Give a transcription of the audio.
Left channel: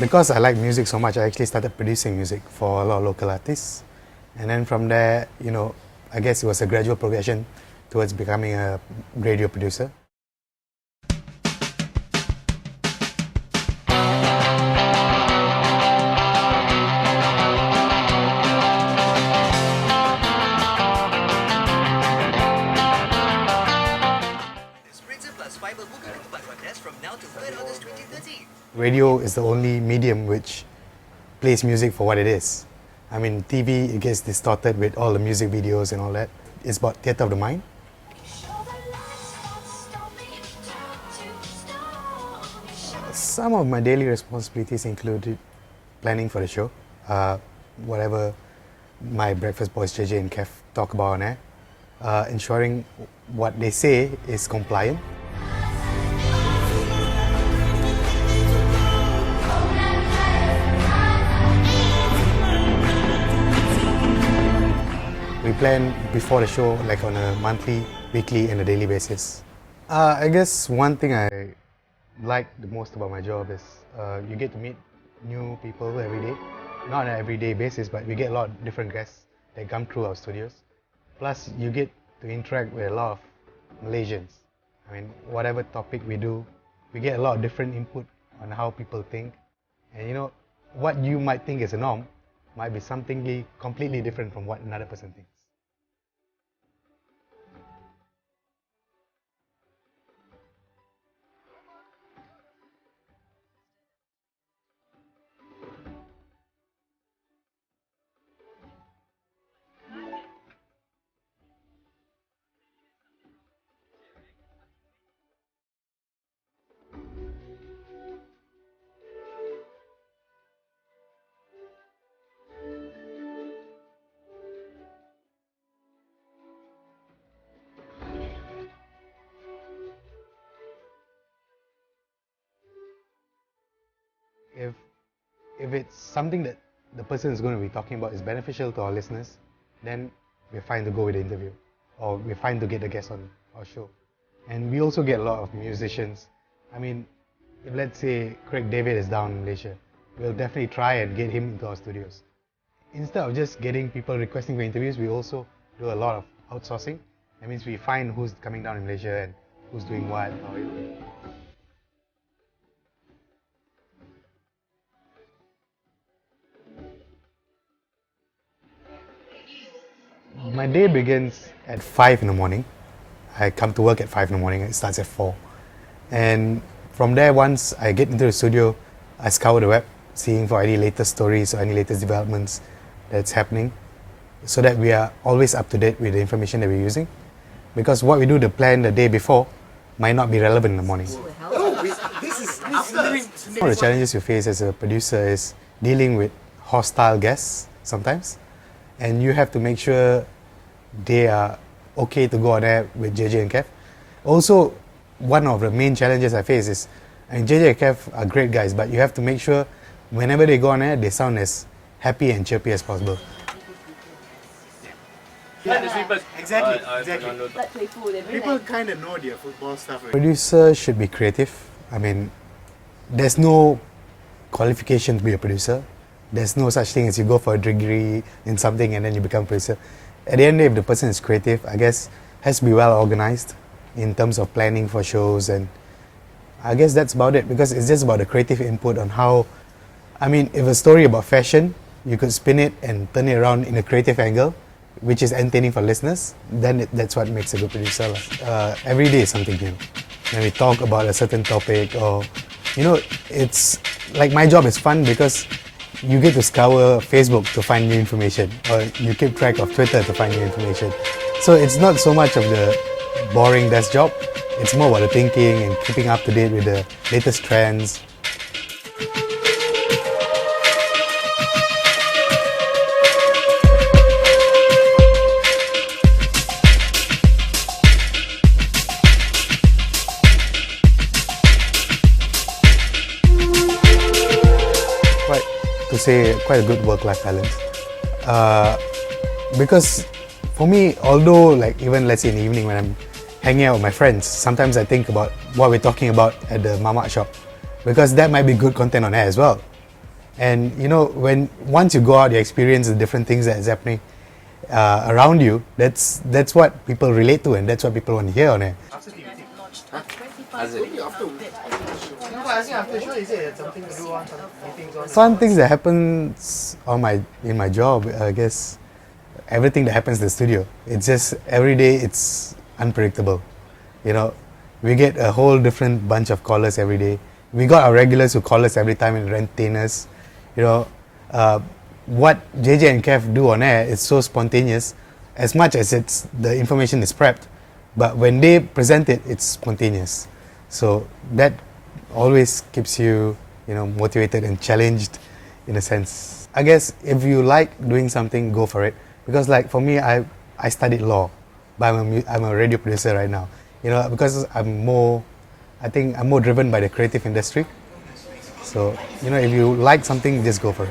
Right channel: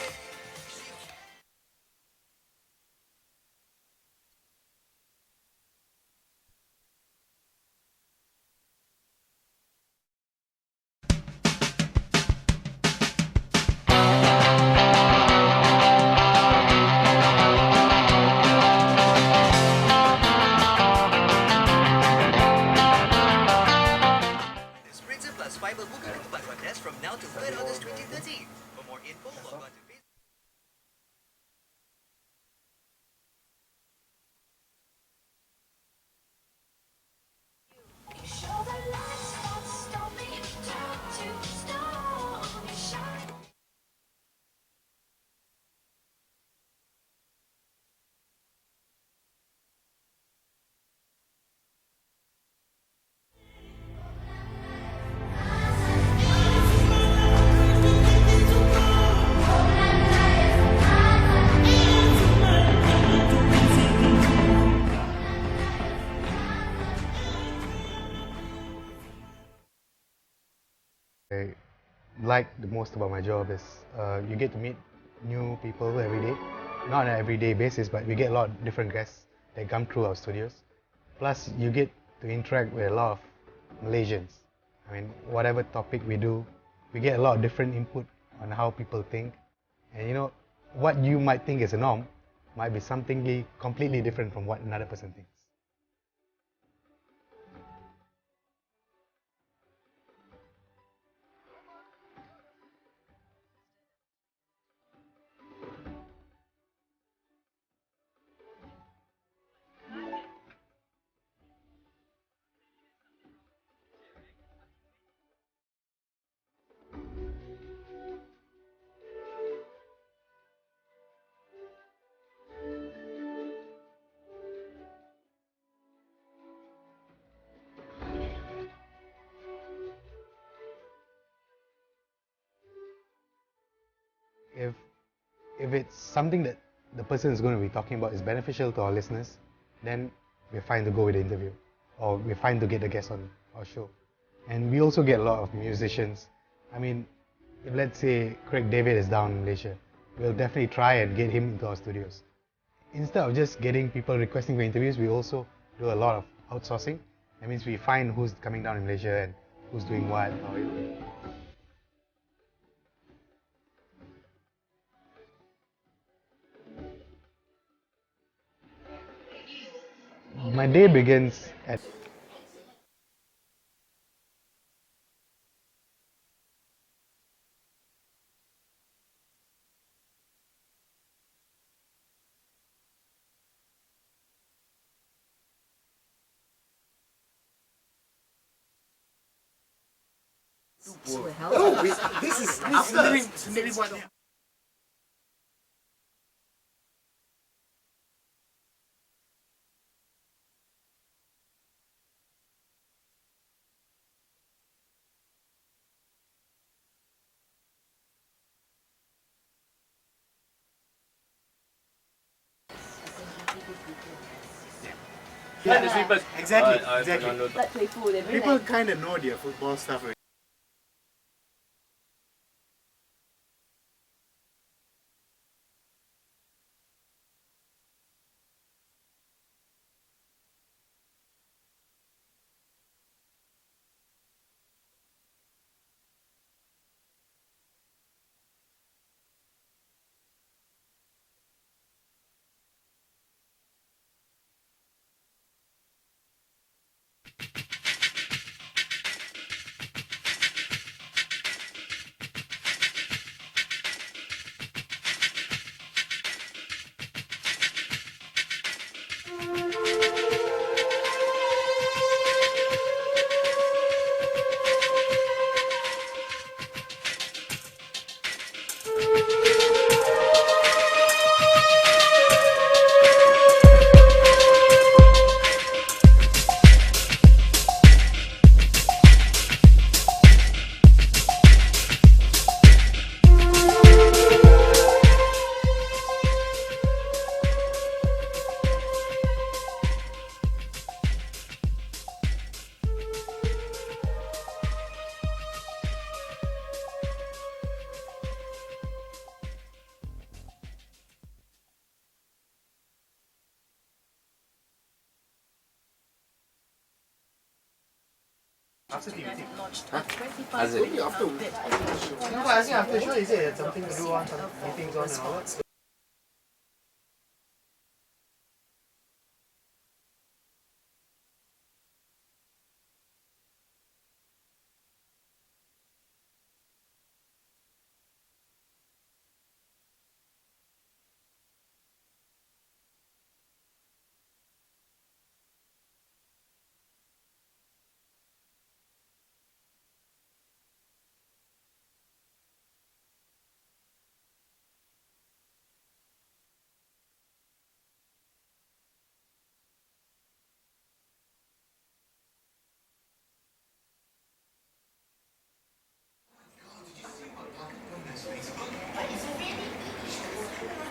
Because I like music so much, I actually started producing music for a lot of local artists. And then from there, I guess it was a gradual progression towards becoming a radio producer. Radio is the only medium which plays music for what it is. I mean, TV, it gets distorted with all the music videos and all that. It's about theatre of the mind. Some of my daily responsibilities included planning for the show, whatever my breakfast boys JJ and Kev talk about on air, ensuring what they say is compliant. We plan before the show, like on a monthly, weekly, and a daily basis. I guess one thing I like the most about my job is you get to meet new people every day. Not on an everyday basis, but we get a lot of different guests that come through our studios. Plus, you get to interact with a lot of Malaysians. I mean, whatever topic we do, we get a lot of different input on how people think. And what you might think is a norm might be something completely different from what another person thinks. If it's something that the person is going to be talking about is beneficial to our listeners, then we're fine to go with the interview, or we're fine to get the guest on our show. And we also get a lot of musicians. I mean, if let's say Craig David is down in Malaysia, we'll definitely try and get him into our studios. Instead of just getting people requesting for interviews, we also do a lot of outsourcing. That means we find who's coming down in Malaysia and who's doing what. My day begins at 5 in the morning. I come to work at 5 in the morning. It starts at 4. And from there, once I get into the studio, I scour the web, seeing for any latest stories or any latest developments that's happening, so that we are always up to date with the information that we're using. Because what we do to plan the day before might not be relevant in the morning. One of the challenges you face as a producer is dealing with hostile guests sometimes. And you have to make sure they are okay to go on air with JJ and Kev. Also, one of the main challenges I face is, JJ and Kev are great guys, but you have to make sure whenever they go on air, they sound as happy and chirpy as possible. Exactly. People kind of know their football stuff. Right? Producer should be creative. I mean, there's no qualification to be a producer. There's no such thing as you go for a degree in something and then you become a producer. At the end of the day, if the person is creative, I guess has to be well organized in terms of planning for shows, and I guess that's about it, because it's just about the creative input on how, I mean, if a story about fashion, you could spin it and turn it around in a creative angle, which is entertaining for listeners, then that's what makes a good producer. Every day is something new. When we talk about a certain topic, or, it's like my job is fun because you get to scour Facebook to find new information, or you keep track of Twitter to find new information. So it's not so much of the boring desk job, it's more about the thinking and keeping up to date with the latest trends. Quite a good work-life balance, because for me, although even let's say in the evening when I'm hanging out with my friends, sometimes I think about what we're talking about at the mamak shop, because that might be good content on air as well. And you know, once you go out, you experience the different things that is happening around you. That's what people relate to, and that's what people want to hear on it. After TVT. As it? After show, is it something to do on some meetings on? Some things that happens in my job, I guess, everything that happens in the studio. It's just every day it's unpredictable. You know, we get a whole different bunch of callers every day. We got our regulars who call us every time and entertain us. You know, what JJ and Kev do on air is so spontaneous, as much as the information is prepped, but when they present it, it's spontaneous. So that always keeps you, you know, motivated and challenged in a sense. I guess if you like doing something, go for it. Because like for me, I studied law, but I'm a radio producer right now. You know, because I think I'm more driven by the creative industry. So, you know, if you like something, just go for it.